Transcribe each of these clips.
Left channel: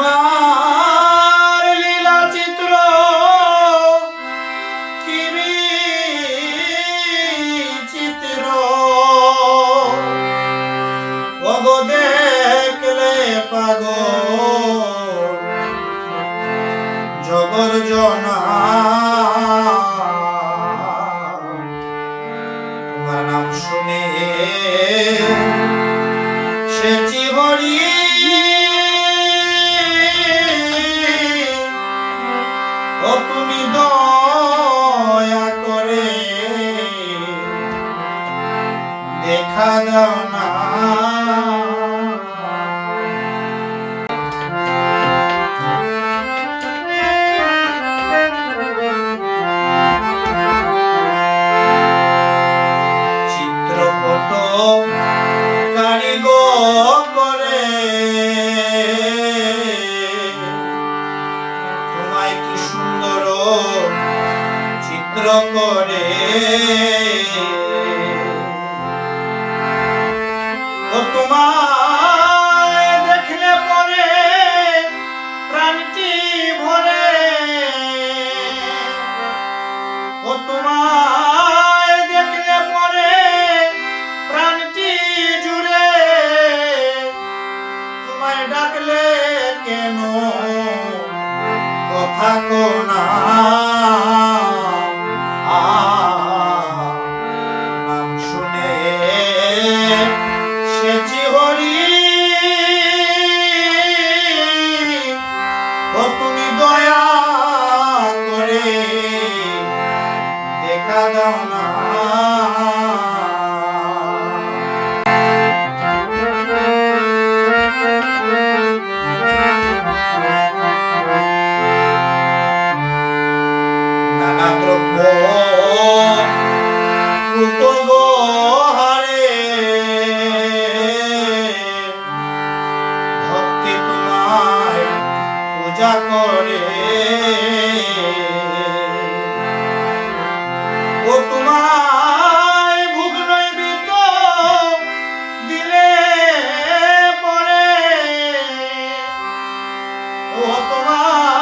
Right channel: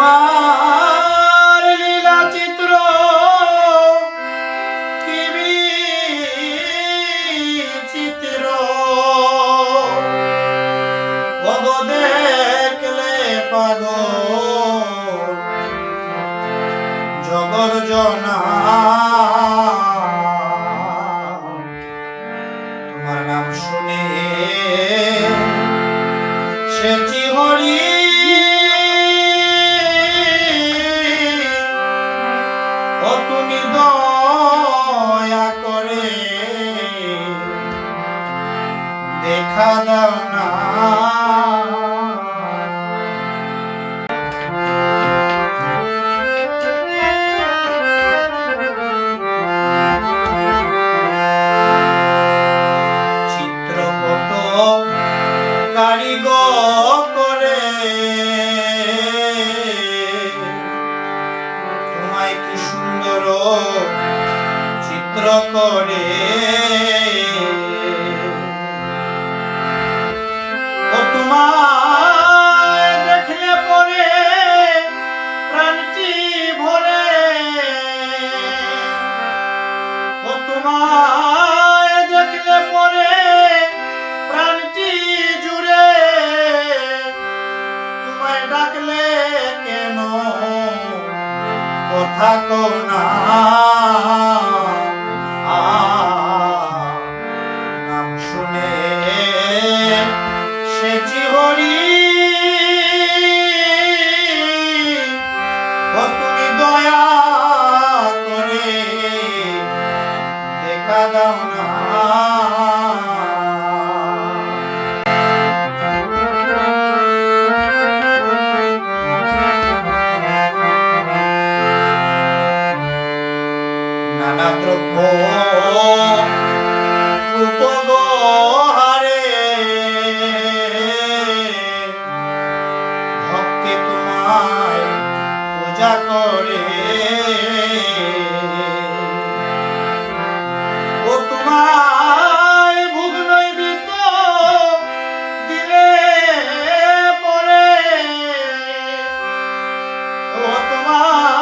তোমার লীলা চিত্র কিমি চিত্র ভগ দেখলে পাগ জগর জনা। তোমার নাম শুনে সে চিহরিয়ে তোমায় কি সুন্দর চিত্র করে। ও তোমায় দেখলে পরে প্রাণটি ভরে। ও তোমায় দেখলে পরে প্রাণটি জুড়ে। তোমায় ডাকলে কেন? কথা কোনা নাম শুনে সেচি হরি ও তুমি দয়া করে দেখা দাও না। নানা দ্রব্য উপগহারে ভক্তি তোমায় পূজা করে। ও তোমায় ভোগ দিলে পরে। ও তোমায়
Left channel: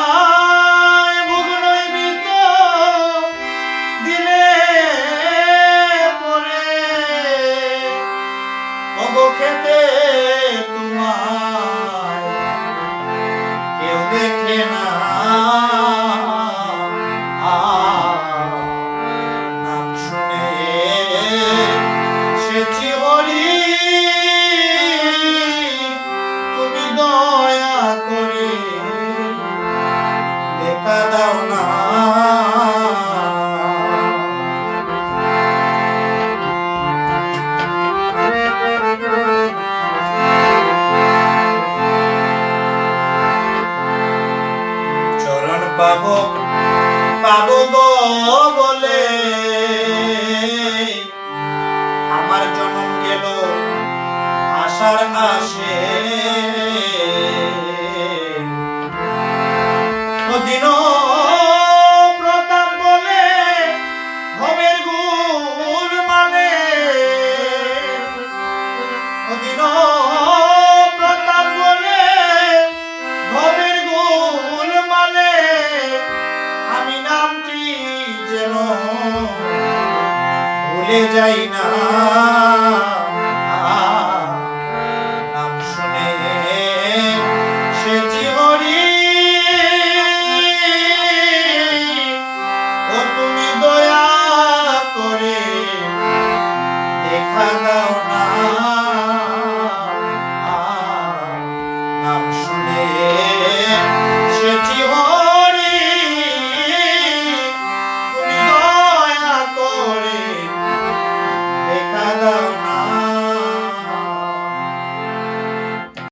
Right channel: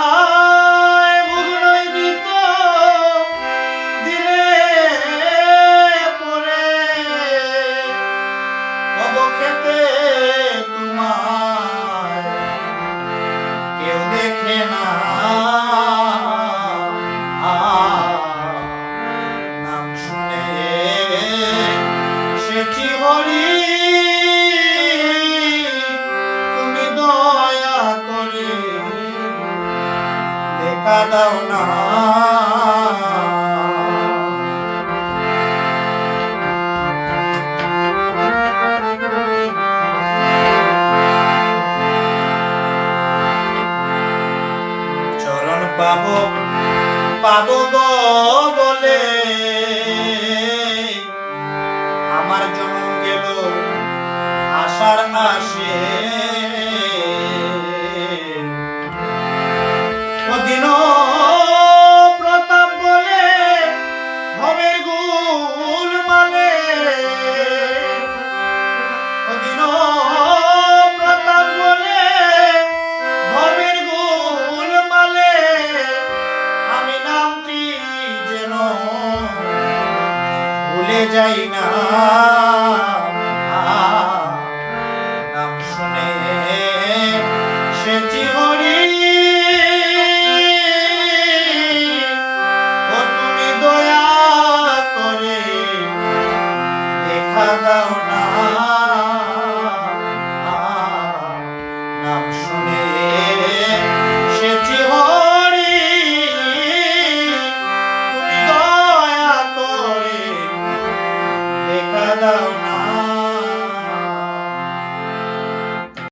অবক্ষেতে তোমায় কেউ দেখে না। শুনে সেচি হরি তুমি দয়া করে দেখা দাও না। পাব পাবো গো বলে। আমার জন্ম গেল আশার আসে দিন ভুলে যাই না।